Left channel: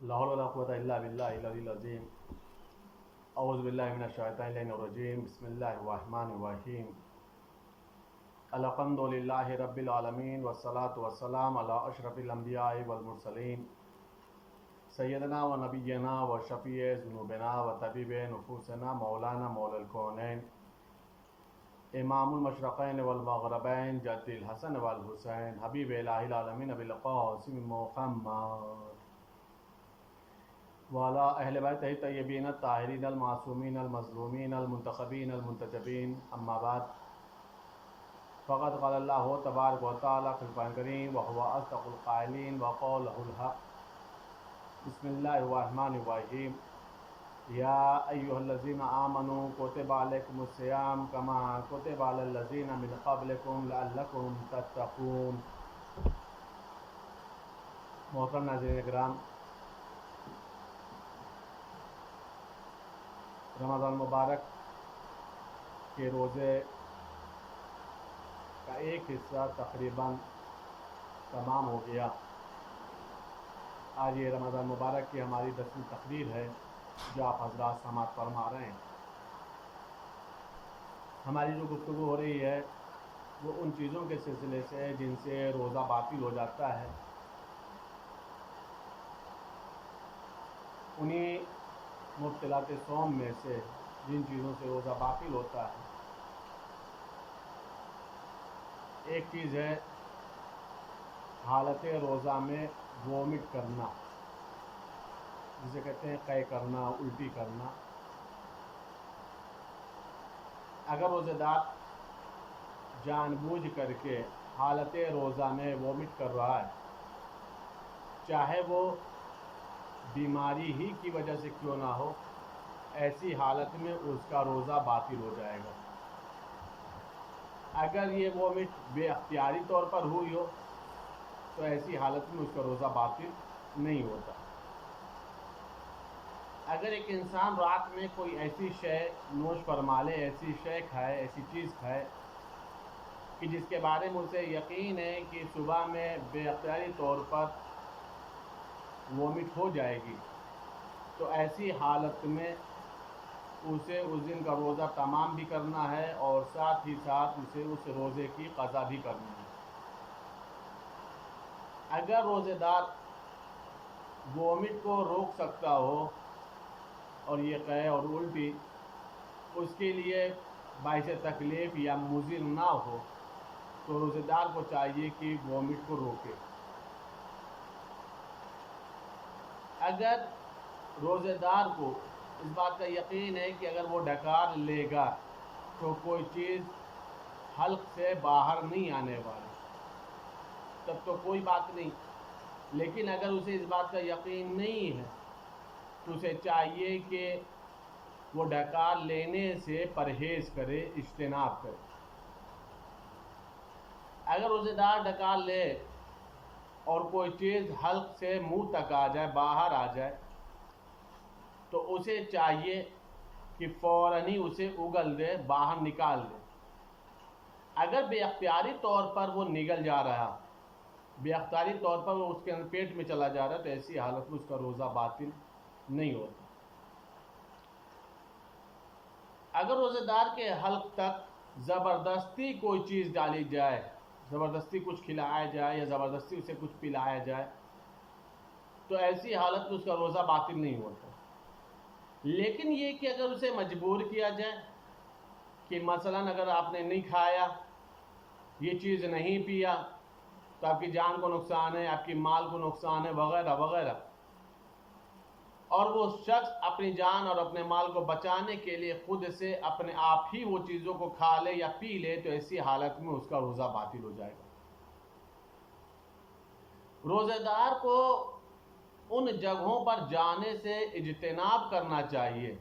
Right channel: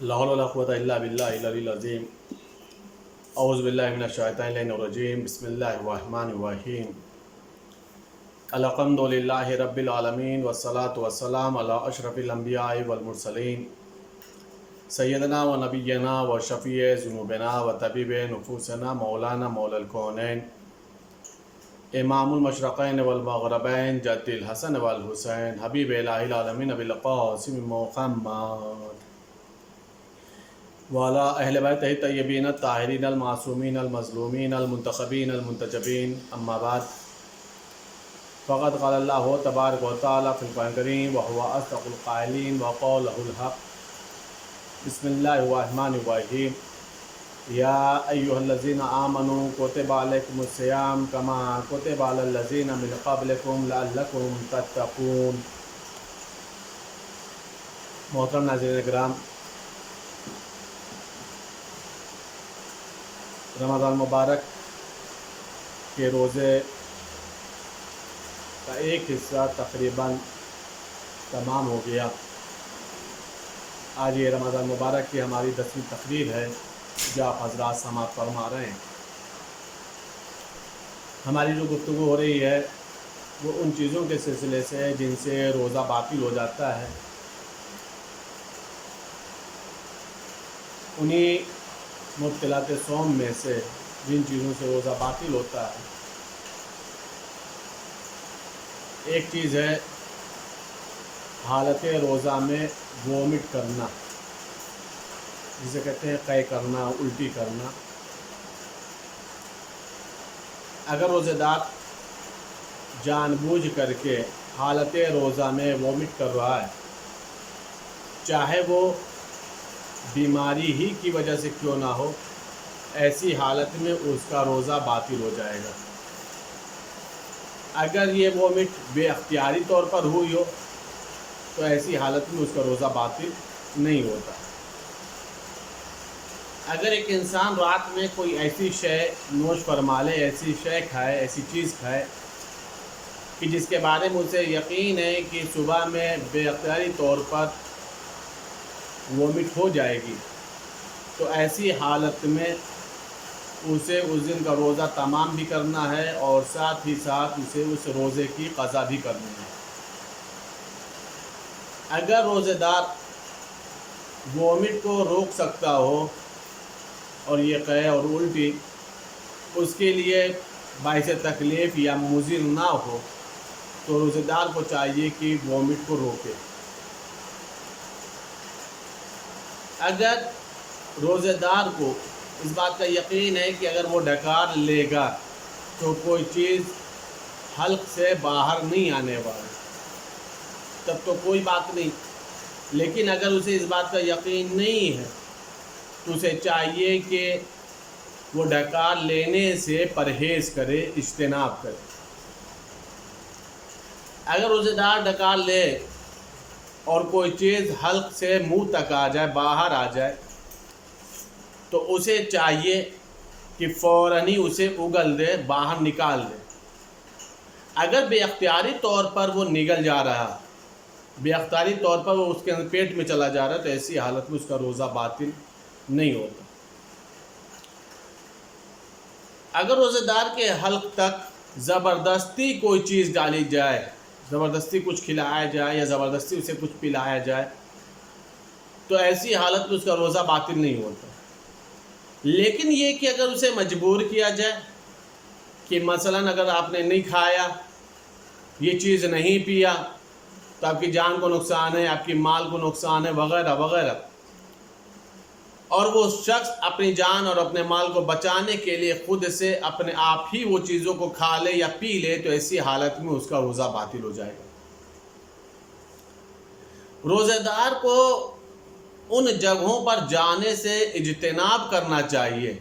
لا حول ولا قوة إلا بالله العلي العظيم أعوذ بالله من الشيطان الرجيم بسم الله الرحمن الرحيم الحمد لله رب العالمين والصلاة والسلام على أشرف الأنبياء والمرسلين سيدنا ونبينا وشفيع ذنوبنا وطبيب نفوسنا مولانا مولى الكونين امام المشرقين والمغربين جد الحسن والحسين حبيب إله العالمين أبي القاسم محمد وعلى أهل بيته الطيبين الطاهرين المعصومين المظلومين المنتخبين المنتجبين أما بعد فقد قال الله تبارك وتعالى في القرآن الكريم وهو أصدق القائلين وقوله الحق بسم الله الرحمن الرحيم يا أيها الذين آمنوا كتب عليكم الصيام كما كتب على الذين من قبلكم لعلكم تتقون. محترم ناظرین کرام، رمضان مبارک کے روزے کا ایک حصہ تقریباً تمام ہو گیا. آج یہ رمضان مبارک کی ہماری 10ویں تقریر ہے جو آپ حضرات سماعت فرما رہے ہیں. ہماری جو گفتگو ہو رہی ہے وہ ان چیزوں کے سلسلے سے ہے جن سے روزہ باطل ہو جاتا ہے. انہی مبطلات صوم میں سے جن چیزوں سے روزہ باطل ہوتا ہے ایک چیز ہے حالت روزہ میں وومٹ کرنا، جسے کہتے ہیں قے کرنا، الٹی کرنا. اگر روزہ دار جان بوجھ کر کے حالت روزہ میں وومٹ کر رہا ہے، چاہے وہ بیماری ہی کی وجہ سے کیوں نہ ہو، ایسی حالت میں اس کا روزہ باطل ہو جائے گا. اگر یہ وومٹ بے اختیاری طور پر ہوئی ہو تو ایسی حالت میں اس کا روزہ باطل نہیں ہوتا. اگر ایک انسان رات میں کوئی ایسی شے نوش فرما لے، ایسی شے کھائے، ایسی چیز کھائے کہ جس کے بارے میں اسے یقین ہے کہ صبح میں بے اختیاری طور پر وومٹ ہو جائے گی، تو ایسی حالت میں اسے اس دن کا روزہ تمام بھی کرنا ہے اور ساتھ ہی ساتھ اسے اس روزے کی قضا بھی کرنی ہے. اگر روزے دار وومٹ کو روک سکتا ہو اور یہ قے اور الٹی اس کے لیے باعث تکلیف یا مضر نہ ہو تو روزے دار کو چاہیے کہ وومٹ کو روکے. اگر روزے دار کو اس بات کا یقین ہے کہ اگر وہ ڈکار لے گا تو کوئی چیز حلق سے باہر نہیں آنے والی، تب تو کوئی بات نہیں. لیکن اگر اسے اس بات کا یقین نہیں ہے تو اسے چاہیے کہ وہ ڈکار لینے سے پرہیز کرے، اجتناب کرے. اگر روزے دار ڈکار لے اور کوئی چیز حلق سے منہ تک آ جائے، باہر آ جائے، تو اسے چاہیے کہ فوراً ہی اسے اگل دے، باہر نکال دے. اگر بے اختیاری طور پر وہ نگل جا رہا، بے اختیاری طور پر وہ اس کے پیٹ میں چلا جا رہا، تو ایسی حالت میں اس کا روزہ باطل نہیں ہوتا. اگر روزے دار کے حلق تک زبردستی کوئی چیز ڈالی جائے، زبردستی کچھ کھلایا جائے یا زبردستی اسے کچھ پلایا جائے، تو ایسی حالت میں اس کا روزہ باطل نہیں ہوتا. لیکن یہ کہ اگر اسے مجبور کیا جائے کہ مثلاً اگر آپ نے نہیں کھایا، یہ چیز نہیں پیا تو آپ کی جان کو نقصان ہے، آپ کی مال کو نقصان ہے، وغیرہ وغیرہ، اور وہ شخص اپنی جان اور اپنے مال کو بچانے کے لیے خود سے اپنے آپ ہی وہ چیزوں کو کھا لے یا پی لے، تو ایسی حالت میں اس کا روزہ باطل ہو جائے گا. روزے دار کو ان جگہوں پر جانے سے اجتناب کرنا چاہیے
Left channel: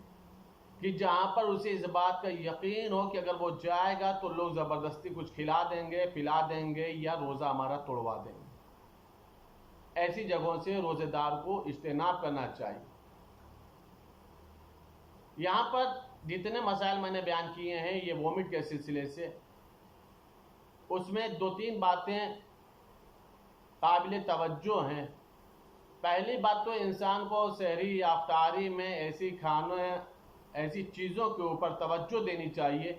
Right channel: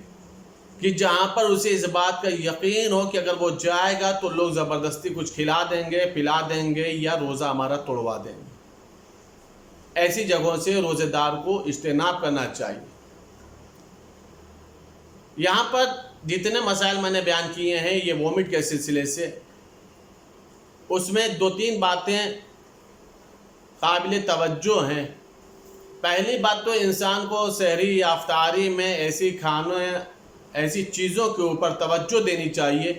کہ جہاں پر اسے اس بات کا یقین ہو کہ اگر وہ جائے گا تو لوگ زبردستی کچھ کھلا دیں گے، پلا دیں گے یا روزہ ہمارا توڑوا دیں گے. ایسی جگہوں سے روزے دار کو اجتناب کرنا چاہیے. یہاں پر جتنے مسائل میں نے بیان کیے ہیں یہ وومٹ کے سلسلے سے، اس میں 2-3 باتیں قابل توجہ ہیں پہلی بات تو انسان کو سحری یا افطاری میں ایسی چیزوں کے اوپر توجہ دینی چاہیے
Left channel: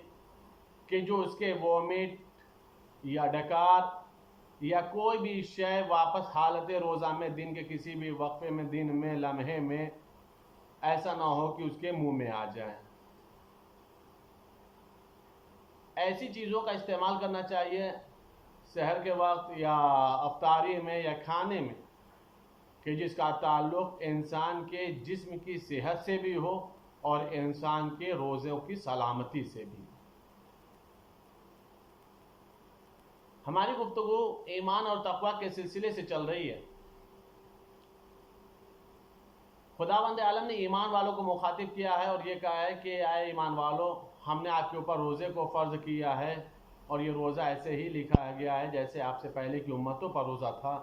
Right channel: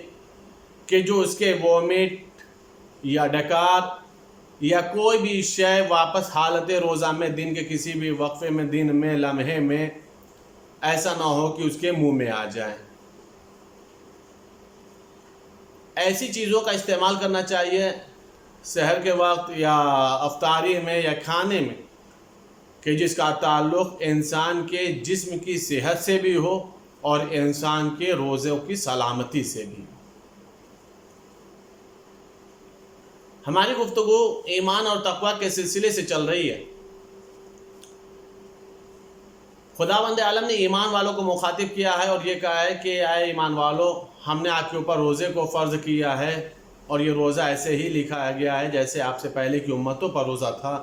کہ جو اس کے وومٹ یا ڈکار یا کوئی بھی شے واپس حالت روزہ میں دن کے کسی بھی وقفے میں، دن میں، لمحے میں ایسا نہ ہو کہ اس کے منہ میں آ جائے۔ ایسی چیزوں کا استعمال کرنا چاہیے سحر کے وقت یا افطاری میں یا کھانے میں کہ جس کا تعلق انسان کے جسم کی صحت سے بھی ہو اور انسان کے روزوں کی سلامتی سے بھی۔ ہماری گفتگو ایمان اور تقوی کے سلسلے سے چل رہی ہے۔ خداوند عالم نے ایمان والوں کو مخاطب کیا ہے اور یہ کہا ہے کہ اے ایمان والو، ہم نے آپ کے اوپر روزے کو فرض کیا ہے، اور یہ روزہ ایسے ہی لکھا گیا ہے جیسے آپ سے پہلے کی امتوں پر روزہ تھا،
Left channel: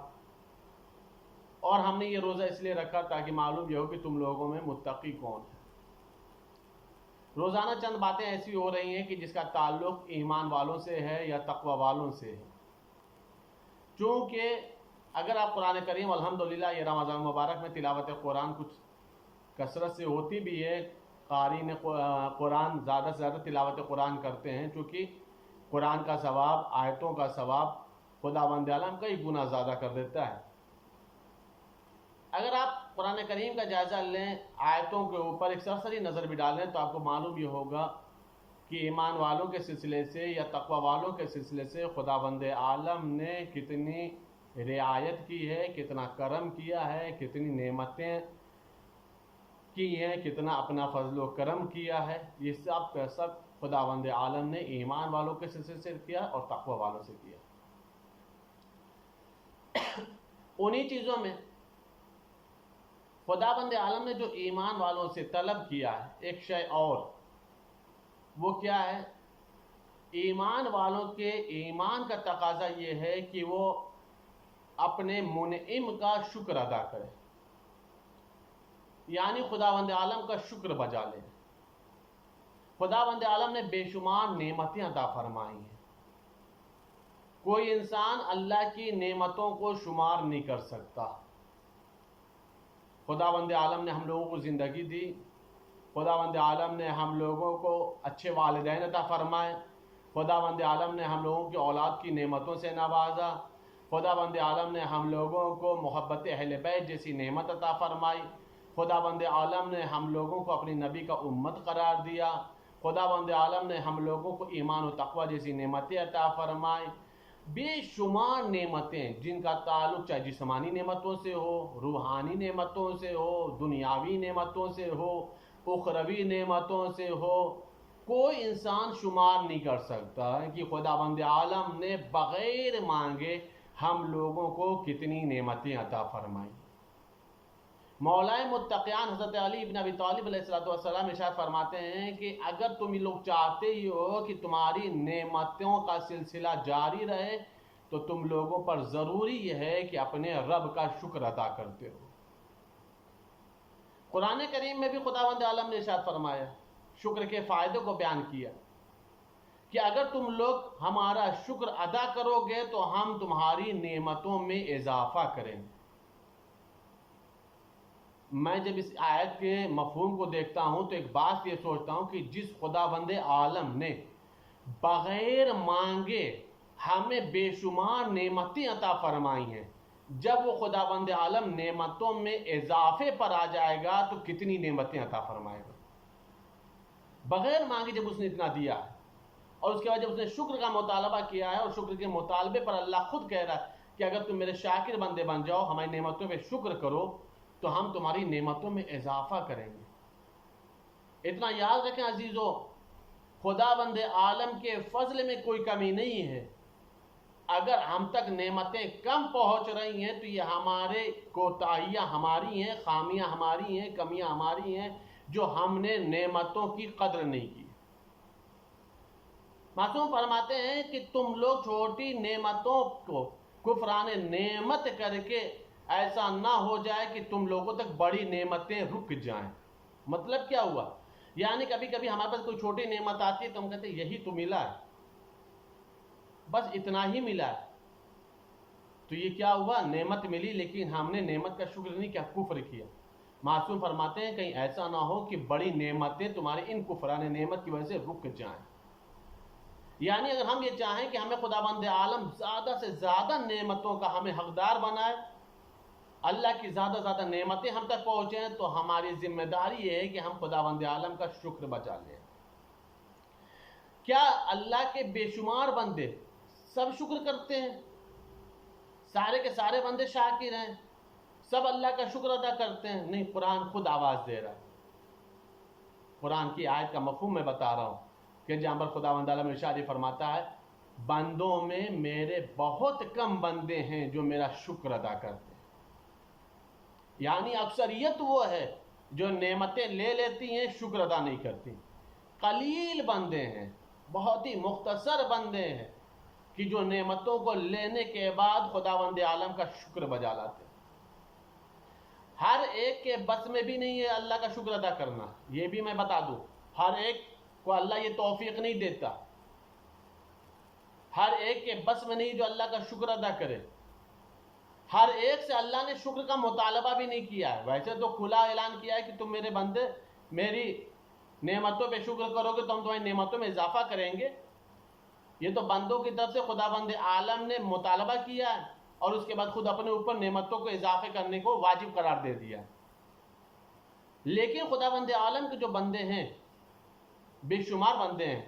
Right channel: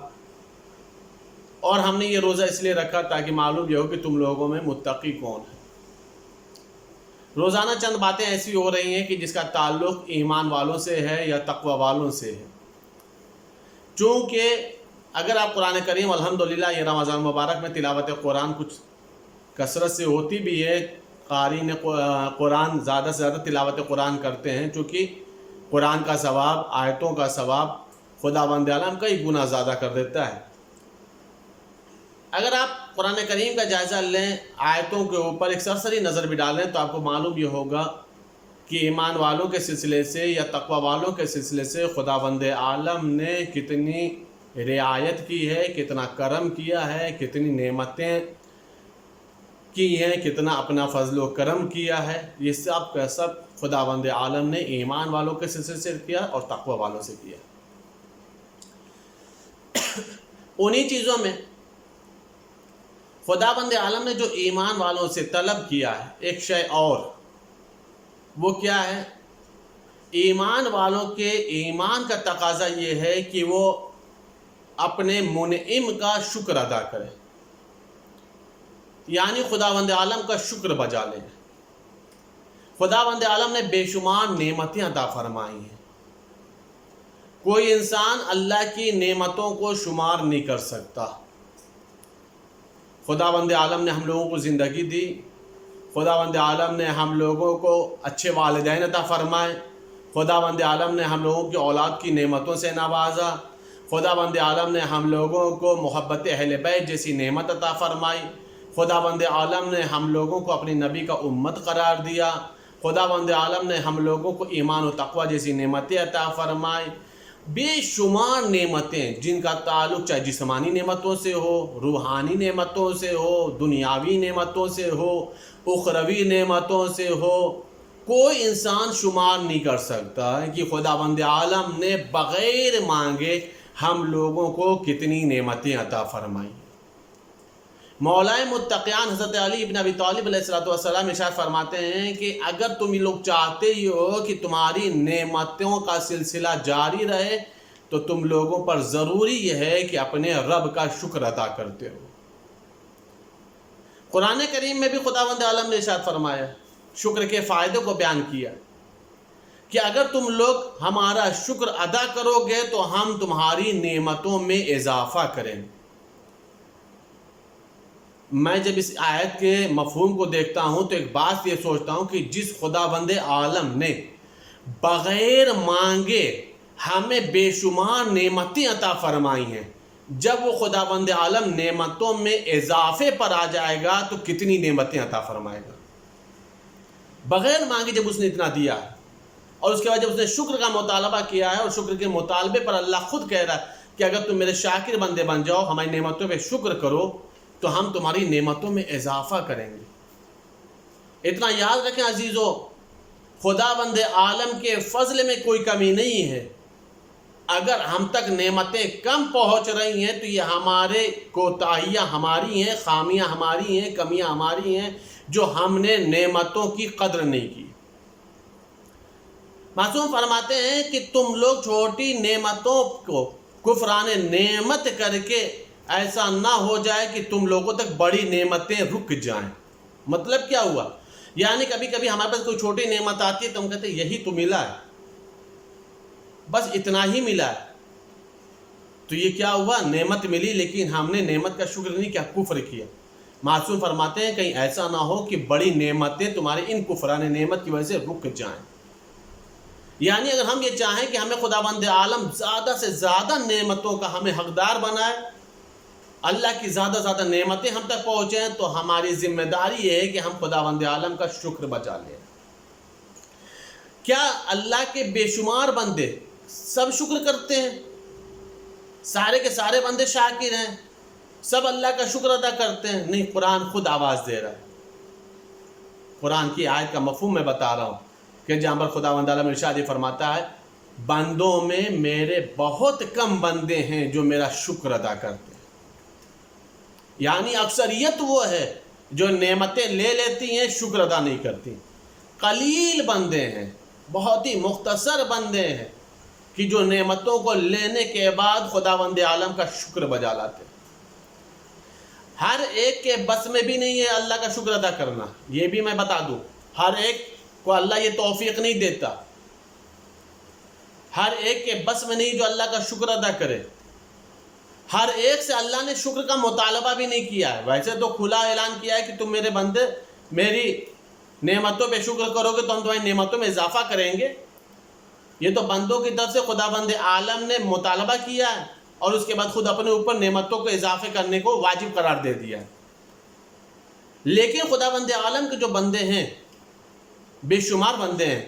اور ہم نے یہ روزہ اس لیے رکھا تاکہ معلوم یہ ہو کہ تم لوگوں میں متقی کون ہے۔ روزانہ چند باتیں ایسی ہو رہی ہیں کہ جس کا تعلق ایمان والوں سے ہے یا تقوی والوں سے ہے۔ چونکہ اگر آپ قرآن کریم الحمدللہ یہ رمضان مبارک میں تلاوت قرآن کچھ کثرت سے ہوتی بھی ہے، قارئین قرآن زیادہ سے زیادہ تلاوت قرآن کرتے ہیں، چونکہ قرآن کا ثواب، آیتوں کا ثواب خداوند عالم کئی گنا زیادہ کر دیتا ہے۔ اگر آپ قرآن کریم کا جائزہ لیں، آیتوں کے اوپر ایک سرسری نظر بھی ڈالیں تو آپ کو معلوم یہ ہوگا کہ ایمان والوں کے سلسلے سے یا تقوی والوں کے سلسلے سے خداوند عالم نے کتنی رعایت کی ہے، کتنا کرم کیا ہے، کتنی نعمتیں کی ہیں، کتنا اپنا فضل و کرم کیا ہے۔ یہ سب کا سب خداوند عالم نے ایمان والوں کے سلسلے سے کیا اور تقوی والوں سے کیا۔ انہی چیزوں میں خداوند عالم نے جو ایمان والوں سے طلب کیا ہے ایک شے اور، وہ کیا ہے؟ ایمان والوں کے ایمان کا تقاضا یہ ہے کہ وہ اپنے منعم کا شکر ادا کرے، یعنی خداوند عالم کا شکر بجا لے۔ خداوند عالم نے بے شمار نعمتیں عطا فرمائی ہیں، کوئی انسان اللہ کی نعمتوں کو شمار نہیں کر سکتا۔ خداوند عالم نے ہم لوگوں کو زندگی دی، خداوند عالم نے ہم لوگوں کو اچھے والدین عطا فرمائے، خداوند عالم نے ہم لوگوں کی اولاد کی نعمتوں سے نوازا، خداوند عالم نے ہم لوگوں کو محبت اہل بیت جیسی نعمت عطا فرمائی، خداوند عالم نے ہم لوگوں کو اپنی نبی کا امت قرار دیا، خداوند عالم نے ہم لوگوں کو ایمان و تقوی جیسی نعمتیں عطا فرمائی۔ بے شمار نعمتیں جن کا تعلق چاہے جسمانی نعمتوں سے ہو، روحانی نعمتوں سے ہو، دنیاوی نعمتوں سے ہو، اخروی نعمتوں سے ہو، کوئی انسان شمار نہیں کر سکتا کہ خداوند عالم نے بغیر مانگے ہم لوگوں کو کتنی نعمتیں عطا فرمائیں۔ مولائے متقیان حضرت علی بن ابی طالب علیہ السلام ارشاد فرماتے ہیں کہ اگر تم لوگ چاہتے ہی ہو کہ تمہاری نعمتوں کا سلسلہ جاری رہے تو تم لوگوں پر ضروری یہ ہے کہ اپنے رب کا شکر ادا کرتے ہو۔ قرآن کریم میں بھی خداوند عالم نے ارشاد فرمایا، شکر کے فائدے کو بیان کیا کہ اگر تم لوگ ہمارا شکر ادا کرو گے تو ہم تمہاری نعمتوں میں اضافہ کریں گے۔ میں جب اس آیت کے مفہوم کو دیکھتا ہوں تو ایک بات یہ سوچتا ہوں کہ جس خداوند عالم نے بغیر مانگے ہمیں بے شمار نعمتیں عطا فرمائی ہیں، جب وہ خداوند عالم نعمتوں میں اضافے پر آ جائے گا تو کتنی نعمتیں عطا فرمائے گا۔ بغیر مانگے جب اس نے اتنا دیا ہے، اور اس کے بعد جب اس نے شکر کا مطالبہ کیا ہے اور شکر کے مطالبے پر اللہ خود کہہ رہا ہے کہ اگر تم میرے شاکر بندے بن جاؤ، ہماری نعمتوں پہ شکر کرو تو ہم تمہاری نعمتوں میں اضافہ کریں گے۔ اتنا یاد رکھیں عزیزو، خداوند عالم کے فضل میں کوئی کمی نہیں ہے۔ اگر ہم تک نعمتیں کم پہنچ رہی ہیں تو یہ ہمارے کوتاہیاں ہماری ہیں، خامیاں ہماری ہیں، کمیاں ہماری ہیں جو ہم نے نعمتوں کی قدر نہیں کی۔ معصوم فرماتے ہیں کہ تم لوگ چھوٹی نعمتوں کو کفران نعمت کر کے ایسا نہ ہو جائے کہ تم لوگوں تک بڑی نعمتیں رک جائیں۔ مطلب کیا ہوا؟ یعنی کبھی کبھی ہمارے پاس کوئی چھوٹی نعمت آتی ہے تو ہم کہتے ہیں یہی تو ملا ہے، بس اتنا ہی ملا ہے، تو یہ کیا ہوا؟ نعمت ملی لیکن ہم نے نعمت کا شکر نہیں کیا، کفر کیا۔ معصوم فرماتے ہیں کہیں ایسا نہ ہو کہ بڑی نعمتیں تمہارے ان کفران نعمت کی وجہ سے رک جائیں۔ یعنی اگر ہم یہ چاہیں کہ ہمیں خداوند عالم زیادہ سے زیادہ نعمتوں کا ہمیں حقدار بنائے، اللہ کی زیادہ زیادہ نعمتیں ہم تک پہنچیں، تو ہماری ذمہ داری یہ ہے کہ ہم خداوند عالم کا شکر بجا لیں۔ کیا اللہ کے بے شمار بندے سب شکر کرتے ہیں؟ سارے کے سارے بندے شاکر ہیں؟ سب اللہ کا شکر ادا کرتے ہیں؟ نہیں، قرآن خود آواز دے رہا ہے۔ قرآن کی آیت کا مفہوم میں بتا رہا ہوں کہ جہاں پر خداوند عالم ارشاد فرماتا ہے بندوں میں میرے بہت کم بندے ہیں جو میرا شکر ادا کرتے ہیں۔ یعنی اکثریت وہ ہے جو نعمتیں لے لیتی ہیں، شکر ادا نہیں کرتی۔ قلیل بندے ہیں، بہت ہی مختصر بندے ہیں کہ جو نعمتوں کو لینے کے بعد خداوند عالم کا شکر بجا لاتے ہیں۔ ہر ایک کے بس میں بھی نہیں ہے اللہ کا شکر ادا کرنا، یہ بھی میں بتا دوں۔ ہر ایک کو اللہ یہ توفیق نہیں دیتا، ہر ایک کے بس میں نہیں جو اللہ کا شکر ادا کرے۔ ہر ایک سے اللہ نے شکر کا مطالبہ بھی نہیں کیا ہے۔ ویسے تو کھلا اعلان کیا ہے کہ تم میرے بندے میری نعمتوں پہ شکر کرو گے تو ہم تمہاری نعمتوں میں اضافہ کریں گے۔ یہ تو بندوں کی طرف سے خداوند عالم نے مطالبہ کیا ہے اور اس کے بعد خود اپنے اوپر نعمتوں کو اضافے کرنے کو واجب قرار دے دیا ہے۔ لیکن خداوند عالم کے جو بندے ہیں، بے شمار بندے ہیں،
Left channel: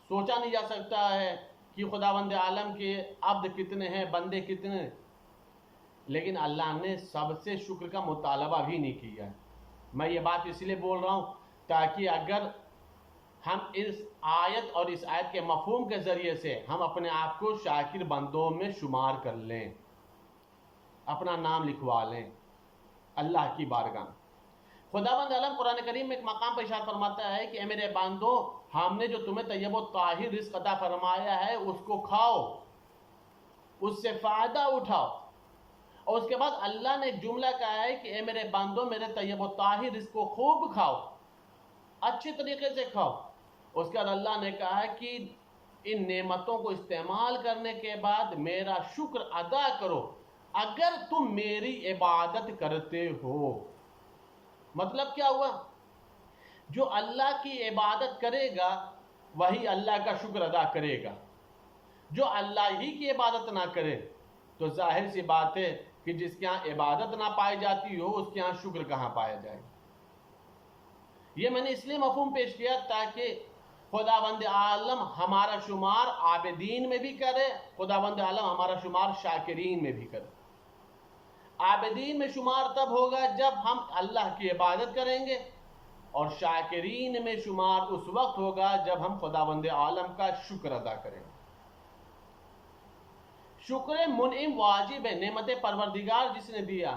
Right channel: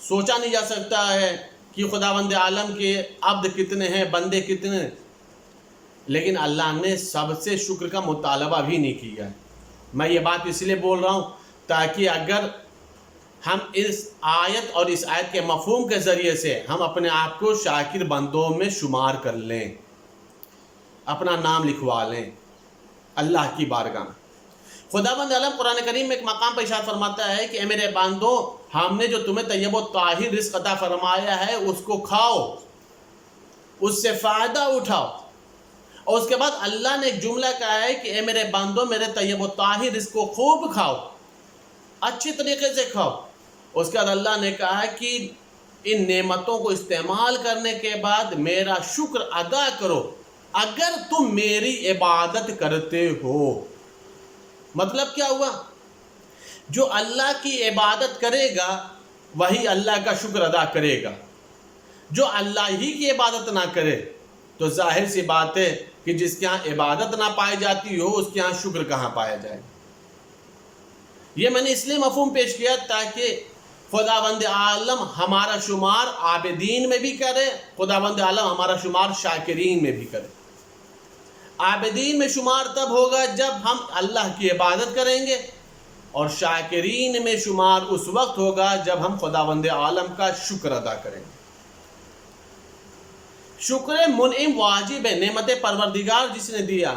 سوچا نہیں جا سکتا ہے کہ خداوند عالم کے عبد کتنے ہیں، بندے کتنے ہیں، لیکن اللہ نے سب سے شکر کا مطالبہ بھی نہیں کیا ہے۔ میں یہ بات اس لیے بول رہا ہوں تاکہ اگر ہم اس آیت اور اس آیت کے مفہوم کے ذریعے سے ہم اپنے آپ کو شاکر بندوں میں شمار کر لیں، اپنا نام لکھوا لیں اللہ کی بارگاہ میں۔ خداوند عالم قرآن کریم میں ایک مقام پر ارشاد فرماتا ہے کہ اے میرے بندوں، ہم نے جو تمہیں طیب و طاہر رزق عطا فرمایا ہے اس کو کھاؤ، اس سے فائدہ اٹھاؤ۔ اور اس کے بعد اللہ نے ایک جملہ کہا ہے کہ اے میرے بندوں، میرے طیب و طاہر رزق کو خوب کھاؤ، اچھی طریقے سے کھاؤ۔ اس کے بعد اللہ نے کہا کہ ان نعمتوں کو استعمال کرنے کے بعد میرا شکر ادا کرو اگر تم میری عبادت کرتے ہو۔ مطلب کیا ہوا؟ جو اللہ کی عبادت کرے گا وہی اللہ کا شکر ادا کرے گا۔ جو اللہ ہی کی عبادت نہ کرے تو ظاہر سی بات ہے کہ جس کے ہاں عبادت نہ پائی جاتی ہو اس کے ہاں شکر کہاں پایا جائے گا۔ یہ میں نے اس لیے مفہوم پیش کیا تاکہ خداوند عالم ہمارا شمار عابدین میں بھی کرے، خداوند عالم ہمارا شمار شاکرین میں بھی کرے۔ عابدین میں شمار تب ہوگا جب ہم اللہ کی عبادت کریں گے، اور شاکرین میں شمار اس وقت ہوگا جب ہم خداوند عالم کا شکر ادا کریں گے۔ شکر منعم واجب ہے، نعمت پروردگار جس نے دیا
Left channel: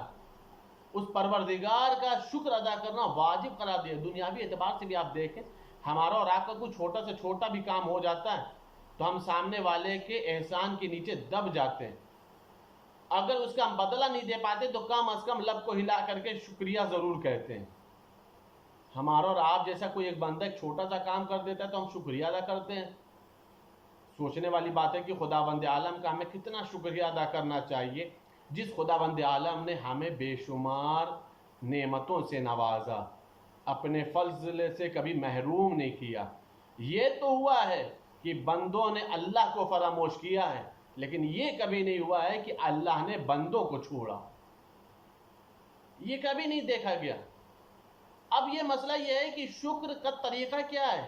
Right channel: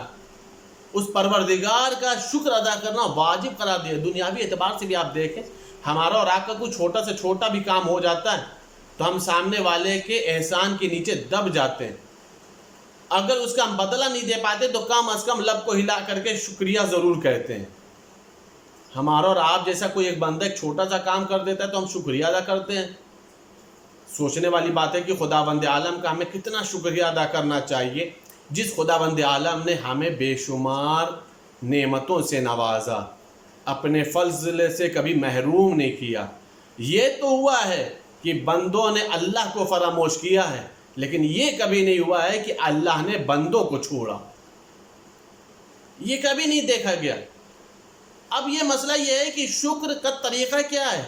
اس پروردگار کا شکر ادا کرنا واجب قرار دیا۔ دنیاوی اعتبار سے بھی آپ دیکھیں، ہمارا اور آپ کا کوئی چھوٹا سے چھوٹا بھی کام ہو جاتا ہے تو ہم سامنے والے کے احسان کے نیچے دب جاتے ہیں۔ اگر اس کا ہم بدلہ نہیں دے پاتے تو کم از کم لب کو ہلا کر کے شکریہ ضرور کہتے ہیں۔ ہمارا اور آپ جیسا کوئی ایک بندہ ایک چھوٹا سا کام کر دیتا ہے تو ہم شکریہ ادا کرتے ہیں۔ سوچنے والی بات ہے کہ خداوند عالم کا ہمیں کتنا شکریہ ادا کرنا چاہیے جس خداوند عالم نے ہمیں بے شمار نعمتوں سے نوازا، اپنے فضل سے کبھی محروم نہیں کیا۔ یہ تو ہوا ہے کہ بندوں نے اللہ کو فراموش کیا ہے، لیکن یہ کبھی نہیں ہوا ہے کہ اللہ نے بندوں کو چھوڑا، یہ کبھی نہیں دیکھا گیا۔ اب یہ مسئلہ یہ ہے کہ شکر کا طریقہ کیا ہے،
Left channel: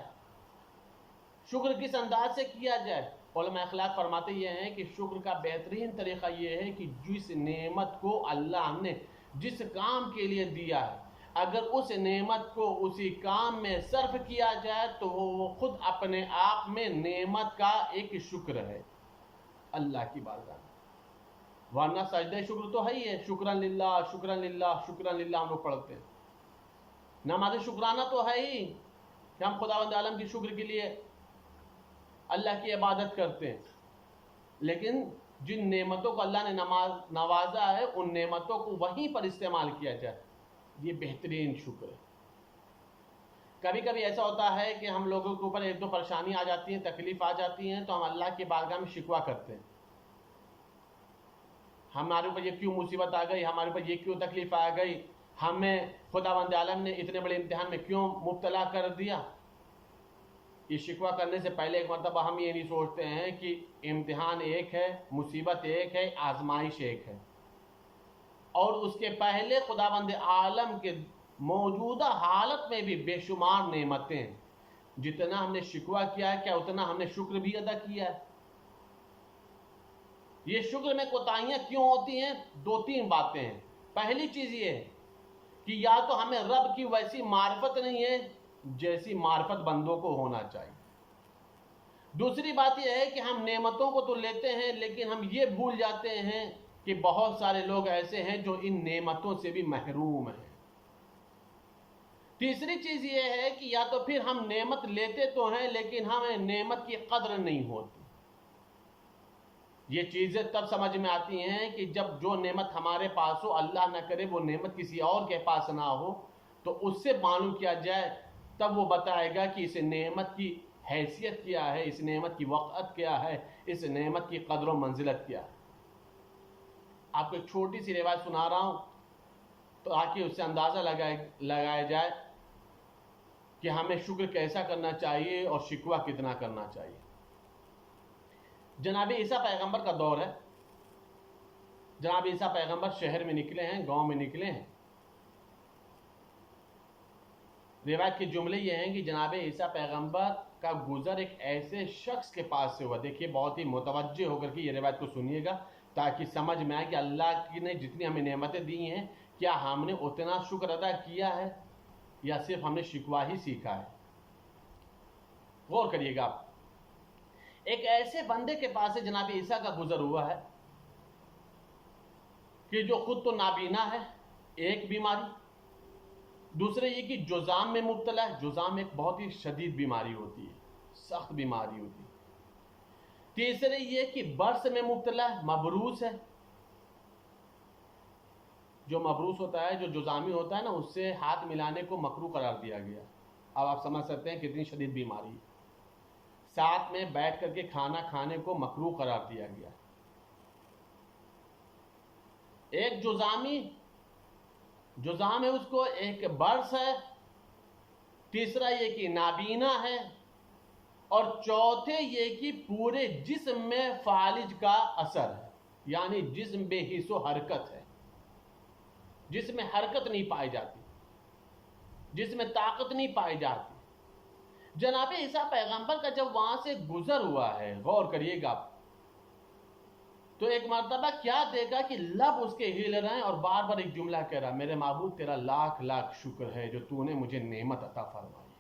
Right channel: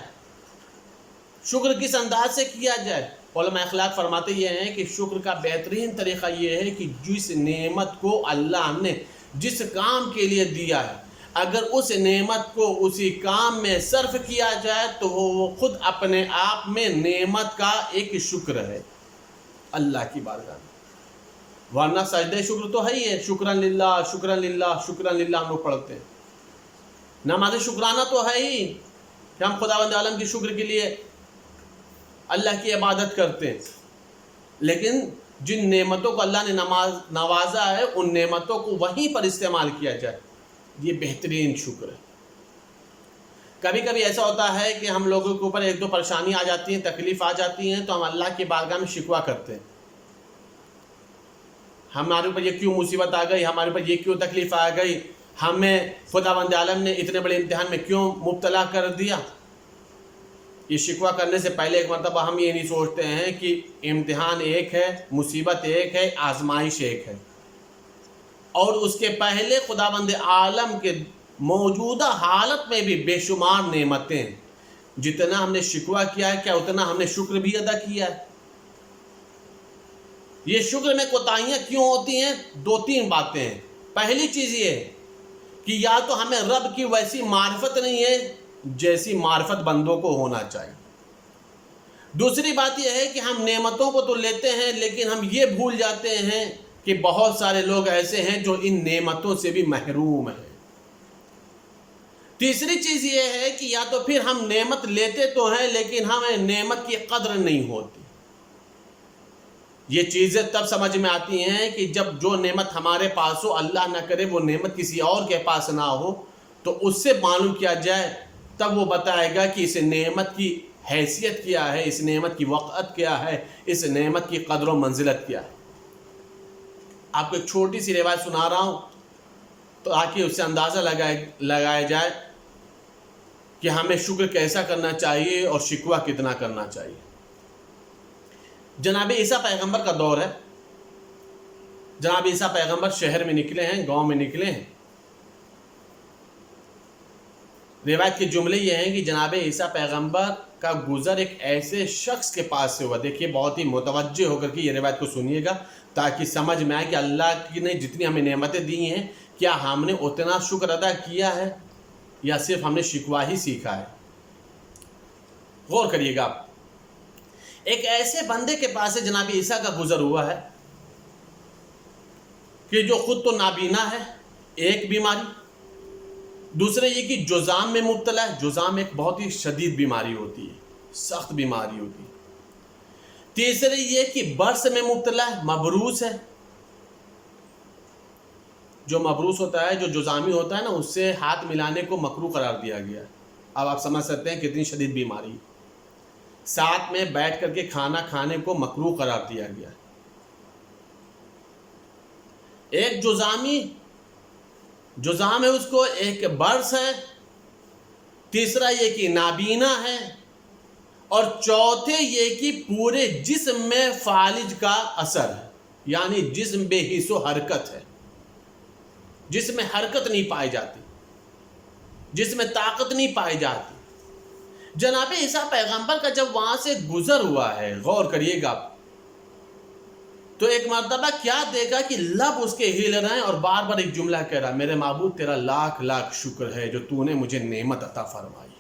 شکر کس انداز سے کیا جائے۔ علماء اخلاق فرماتے یہ ہیں کہ شکر کا بہترین طریقہ یہ ہے کہ جس نعمت کو اللہ نے جس کام کے لیے دیا ہے اگر اس نعمت کو اسی کام میں صرف کیا جائے تو وہ خود اپنے آپ میں نعمت کا ایک شکر ہے اللہ کی بارگاہ میں۔ ورنہ سجدہ شکر تو ہے ہی ہے، شکرن للہ شکرن للہ شکرن للہ ہم لوگ پڑھتے ہیں۔ نماز شکرانہ تو ہے ہی کہ ہم خداوند عالم کی شکر کے لیے اللہ کی عبادت کرتے ہیں، لیکن جن نعمتوں کو اللہ نے نوازا ہے ان نعمتوں کو وہیں پر استعمال کیا جائے، یہ بہترین شکر ہے۔ کبھی کبھی ایسا ہوتا ہے کہ ہم لوگوں کے اوپر ایک دو پریشانی آ جاتی ہیں، تکلیف آ جاتی ہیں تو ہم اللہ کی بارگاہ میں شکوہ کرتے ہیں، ہمارے اوپر یہ کیوں مصیبت آ گئی، ہمارے اوپر یہ کیوں تکلیف آ گئی، ہمیں خداوند عالم نے اتنے بڑے امتحان میں کیوں مبتلا کر دیا. یہ شکوہ کرنے سے پہلے ایک مرتبہ ہم یہ نہیں سوچتے ہیں کہ امتحان ایک ہے، مصیبت ایک ہے، آزمائش ایک ہے، اور اس کے پہلے خداوند عالم کے موجودہ حالت میں بھی بے شمار نعمتیں ہیں. جتنا ہم نے شکوہ کیا ہے، کیا اتنا ہم نے شکر بھی ادا کیا ہے؟ یہ شکر میں کوتاہیاں کیوں ہوتی ہیں؟ 2-3 باتیں ہیں. پہلی چیز یہ ہے کہ یا تو ہمیں رب کی ویسی معرفت نہیں ہے جیسی معرفت بندوں کو ہونا چاہیے. دوسری بات یہ ہے کہ ہم نعمتوں کو تو لیتے ہیں لیکن ہم یہ بھول جاتے ہیں کہ بہت سارے لوگ ایسے ہیں جو ان نعمتوں سے بھی محروم ہیں. تیسری چیز یہ ہے کہ یا تو پھر ہم نعمت لیتے تو ہیں لیکن ہمیں نعمت کی قدر نہیں ہوتی. یہ چیزیں تب سمجھ میں آتی ہیں کہ جب جو نعمت ہمارے پاس ہو، اللہ نہ کرے وہ نعمت کسی اور کے پاس نہ ہو، تو اس سے معلوم کیا جائے، تب وہ بتائے گا کہ اس نعمت کی حیثیت کیا ہے، اس نعمت کی وقعت کیا ہے، اس نعمت کی قدر و منزلت کیا ہے. آپ کو ایک چھوٹی سی روایت سنا رہا ہوں تاکہ اس سے اندازہ لگایا جائے کہ ہمیں شکر کیسا کرنا چاہیے اور شکوہ کتنا کرنا چاہیے. جناب عیسیٰ پیغمبر کا دور ہے. جناب عیسیٰ پیغمبر شہر میں نکلے ہیں، گاؤں میں نکلے ہیں. روایت کے جملے یہ ہیں کہ جناب عیسیٰ پیغمبر کا گزر ایک ایسے شخص کے پاس سے ہوا. دیکھیے بہت ہی متوجہ ہو کر کے یہ روایت کو سنیے گا تاکہ سمجھ میں آئے کہ اللہ کی نے جتنی ہمیں نعمتیں دی ہیں کیا ہم نے اتنا شکر ادا کیا ہے یا صرف ہم نے شکوہ ہی سیکھا ہے. غور کریے گا آپ. ایک ایسے بندے کے پاس سے جناب عیسیٰ کا گزر ہوا ہے کہ جو خود تو نابینا ہے، ایک بیماری. دوسرے یہ کہ جذام میں مبتلا ہے. جذام ایک بہت ہی شدید بیماری ہوتی ہے، سخت بیماری ہوتی ہے. تیسرے یہ کہ برس میں مبتلا ہے، مبروس ہے. جو مبروس ہوتا ہے، جو جذامی ہوتا ہے نا، اس سے ہاتھ ملانے کو مکروہ قرار دیا گیا ہے. اب آپ سمجھ سکتے ہیں کتنی شدید بیماری. ساتھ میں بیٹھ کر کے کھانا کھانے کو مکروہ قرار دیا گیا. ایک جذام ہے اس کو، ایک برس ہے، تیسرا یہ کہ نابینا ہے، اور چوتھے یہ کہ پورے جسم میں فالج کا اثر ہے، یعنی جسم بے حس و حرکت ہے، جسم میں حرکت نہیں پائی جاتی، جسم میں طاقت نہیں پائی جاتی. جناب عیسیٰ پیغمبر کا جب وہاں سے گزر ہوا ہے، غور کریے گا، تو ایک مرتبہ کیا دیکھا کہ لب اس کے ہل رہے ہیں اور بار بار ایک جملہ کہہ رہا، میرے معبود تیرا لاکھ لاکھ شکر ہے جو تو نے مجھے نعمت عطا فرمائی.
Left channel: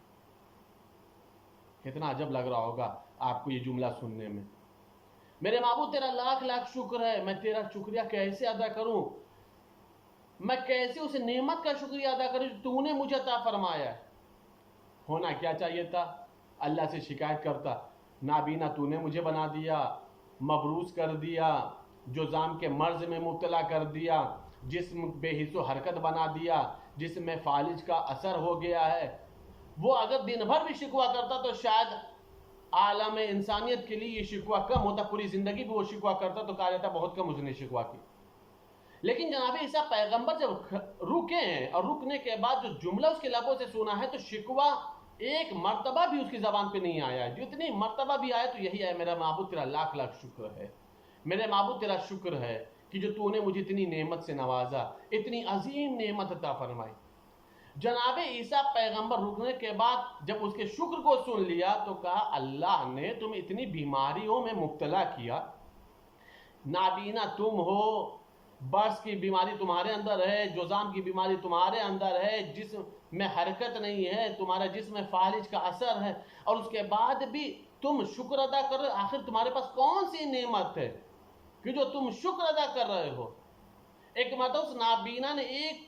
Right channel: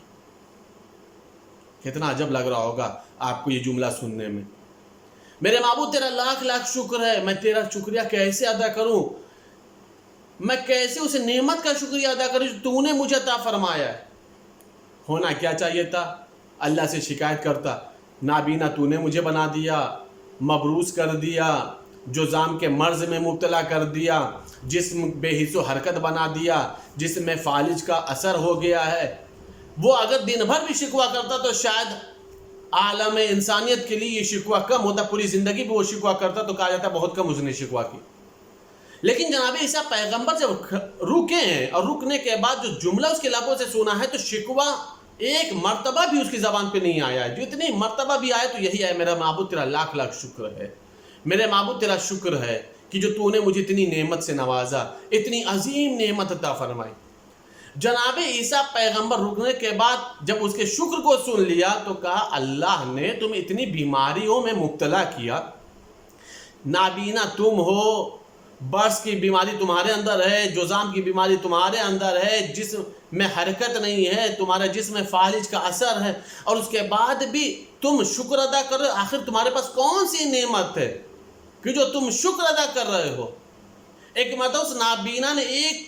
کتنا عجب لگ رہا ہوگا آپ کو یہ جملہ سننے میں. میرے معبود تیرا لاکھ لاکھ شکر ہے، میں تیرا شکریہ کیسے ادا کروں، میں کیسے اس نعمت کا شکریہ ادا کروں جو تو نے مجھے عطا فرمایا ہے. ہونا کیا چاہیے تھا؟ اللہ سے شکایت کرتا، نابینا تو نے مجھے بنا دیا، مبروس کر دیا، جذام کے مرض میں مبتلا کر دیا، جسم بے حس و حرکت بنا دیا، جسم میں فالج کا اثر ہو گیا ہے. وہ اگر دن بھر بھی شکوہ کرتا تو شاید عالم انسانیت کے لیے یہ شکوہ کم ہوتا، پوری زندگی بھی وہ شکوہ کرتا تو کہا جاتا بہت کم اس نے شکوہ کی. لیکن جناب عیسیٰ پیغمبر جب رکے ہیں اور رکنے کے بعد جو جملہ اس کے لبوں سے سنا ہے تو شکوہ ایک مرتبہ بھی اس کی زبان پہ نہیں آیا ہے. جتنی مرتبہ بھی آیا تو یہی ہے، میرا معبود تیرا لاکھ لاکھ شکر ہے، میرے معبود تیرا شکر ہے کہ جو تو نے مجھے اتنی نعمت سے نوازا، اتنی عظیم نعمت عطا فرمائی. جناب عیسیٰ پیغمبر رکنے کے بعد جب اس کے شکر کو سن لیا تو کہا، اللہ نے تم اتنی بیماریوں میں مبتلا کیا، نابینا تم ہو، برس کی بیماری تمہارے اندر ہے، جذام کی بیماری تمہارے اندر ہے، جسم میں حرکت نہیں ہے، تمہارا جسم میں فالج کا اثر ہے، اور اس کے بعد بھی تم شکر ادا کر رہے ہو. آخر تمہارے پاس کون سی نعمت ہے کہ جو تم شکر ادا کر رہے ہو؟ ایک مطلب اس نابینا نے ایک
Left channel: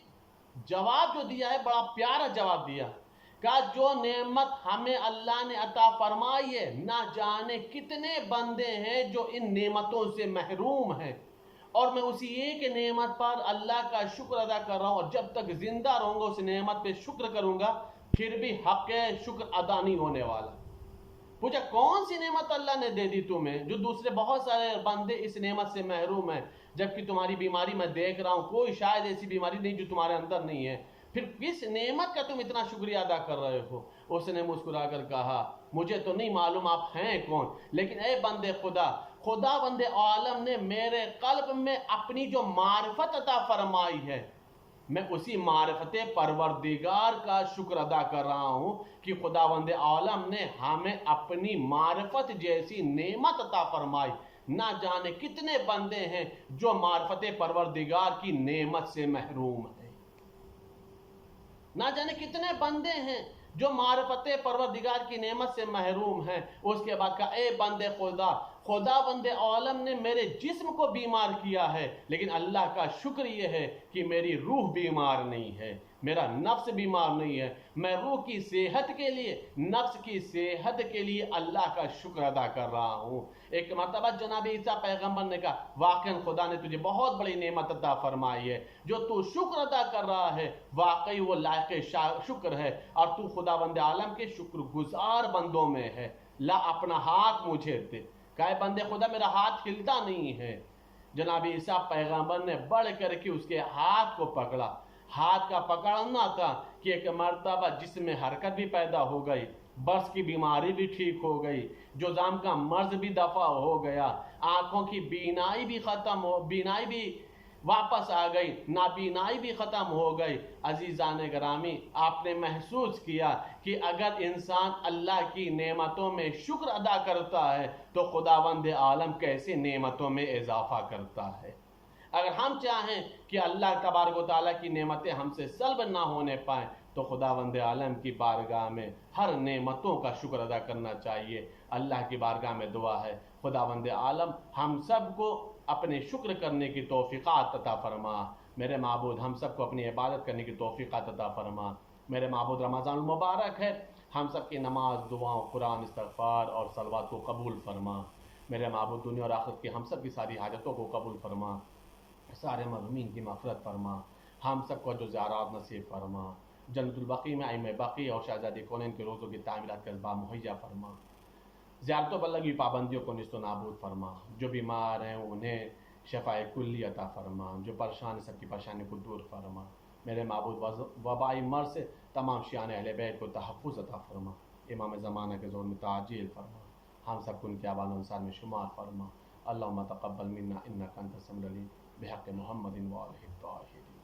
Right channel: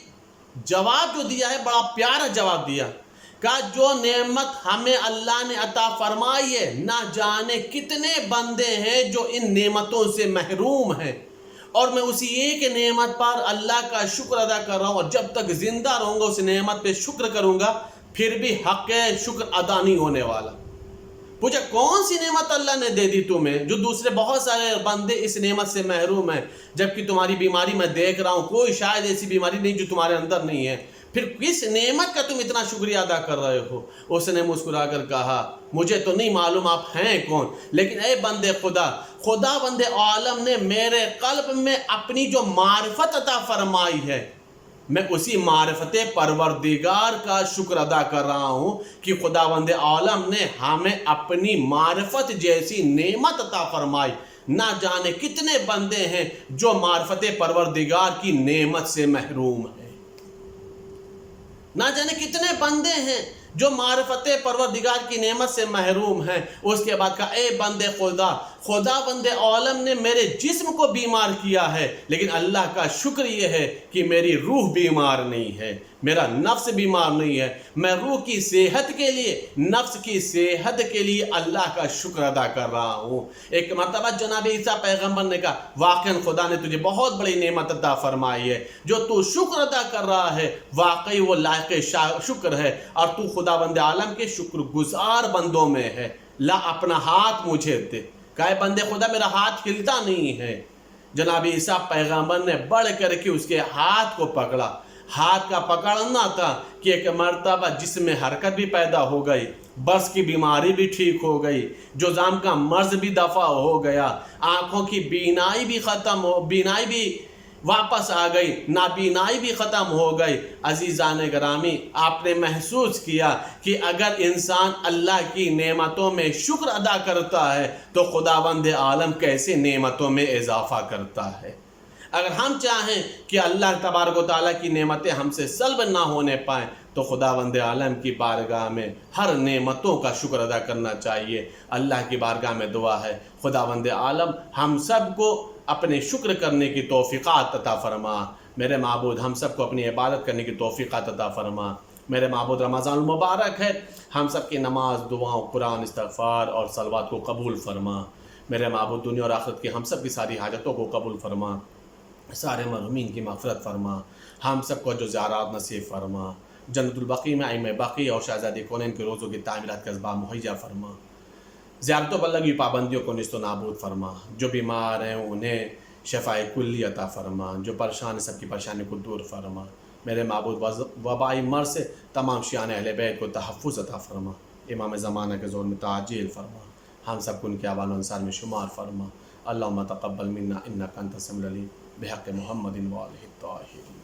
جواب جو دیا ہے، بڑا پیارا جواب دیا، کہا جو نعمت ہمیں اللہ نے عطا فرمائی ہے، نہ جانے کتنے بندے ہیں جو ان نعمتوں سے محروم ہیں، اور میں اسی ایک نعمت پر اللہ کا شکر ادا کر رہا ہوں، اور جب تک زندہ رہوں گا اس نعمت پہ شکر کروں گا، پھر بھی حق شکر ادا نہیں ہونے والا. پوچھا کون سی نعمت اللہ نے دے دی تمہیں جو دوسرے بہت سارے بندے اس نعمت سے محروم ہیں، جبکہ تمہاری بیماری میں دیکھ رہا ہوں کوئی شاید ایسی بیماری نہیں جو تمہارے اندر نہیں ہے، پھر کس نعمت کا تم اتنا شکریہ ادا کر رہے ہو؟ اس نے مسکرا کر کہا مجھے تو نہیں معلوم آپ ہیں کون، لیکن اے بندے خدا بندے عالم نے میرے قلب میں اپنی جو معرفت عطا فرمائی ہے، میں اسی معرفت پروردگار کا شکر ادا کر رہا ہوں کہ خداوند عالم نے ہمیں اپنی معرفت جیسی نعمت عطا فرمائی۔ نہ جانے کتنے بندے ہیں جو معرفت پروردگار کی نعمت سے محروم ہیں، نہ جانے کتنے بندے ہیں جو معرفت پروردگار کی نعمت سے محروم ہیں۔ اس کے بعد کہا اے بندے خدا بند عالم نے میرے جسم کو بیمار کیا ہے، لیکن اللہ کا شکر یہ ہے کہ میری روح بیمار نہیں ہے، میرا نفس بیمار نہیں ہے۔ میں روح کی صحت کے لیے، نفس کی صحت کے لیے اللہ کا شکر ادا کر رہا ہوں۔ ایک مرتبہ جناب عیسیٰ پیغمبر نے کہا واقعاً خدا نے تجھے بہت بڑی نعمت عطا فرمائی ہے، جو تو شکر ادا کر رہا ہے واقعی وہ لائق شکر ہے، اور تو خداوند عالم کے شکر گزار بندوں میں ہے۔ لا اپنا ہاتھ مجھے دے۔ کہا بندے خدا میرا ہاتھ ہلتا نہیں ہے۔ جناب عیسیٰ پیغمبر نے بڑھ کر کے اس کے ہاتھ کو پکڑا۔ ہاتھ کا پکڑنا تھا کہ ایک مرتبہ جسم میں حرکت بھی پیدا ہو گئی، برس کی بیماری بھی ٹھیک ہو گئی، جذام کا مرض بھی دفع ہو گیا، آنکھوں کی بینائی بھی واپس آ گئی، نابینائی بھی ختم ہو گئی۔ عزیزان گرامی، آپ نے محسوس کیا کہ اگر انسان اللہ کی نعمتوں میں شکر ادا کرتا ہے تو خداوند عالم کیسے نعمتوں میں اضافہ کرتا ہے۔ اگر ہم چاہیں کہ اللہ تبارک و تعالیٰ کی نعمتیں ہم سے سلب نہ ہونے پائیں تو خداوند عالم کی بارگاہ میں ہر نعمتوں کا شکر ادا کرنا چاہیے۔ اللہ کی بارگاہ میں دعا ہے خداوند عالم ہم سب کو اپنے شکر کرنے کی توفیقات عطا فرما۔ میرے معبود ہم سب کو اپنی عبادت کرنے کی توفیقات عطا فرما۔ میرے معبود رمضان المبارک ہے، ہم سب کی نماز، دعاؤں، قرآن، استغفار اور صلوات کو قبول فرما۔ میرے معبود دنیا اور آخرت کی ہم سب کی ساری حاجتوں کو قبول فرما، سارے مرحومین کی مغفرت فرما، ہم سب کو جو زیارات نصیب فرما، جنت البقیع میں ائمہ باقی اور شہزادی کونین کے روزوں کی تعمیرات کا اسباب مہیا فرما، زیارتوں پر لگی پابندیوں کو نیست و نابود فرما، جو بیمار ہیں انہیں شفائے کلی عطا فرما، جو پریشان ہیں سب کی پریشانی کو دور فرما۔ میرے معبود وبائی مرض سے تمام شیعان اہل بیت کو تحفظ عطا فرما، امام زمانہ کے زور میں تعجیل فرما، ہم سب کو ان کے اعوان و انصار میں شمار فرما۔ اللہم تقبل منا انک انت السمیع العلیم بحق محمد و آلہ الطاہرین۔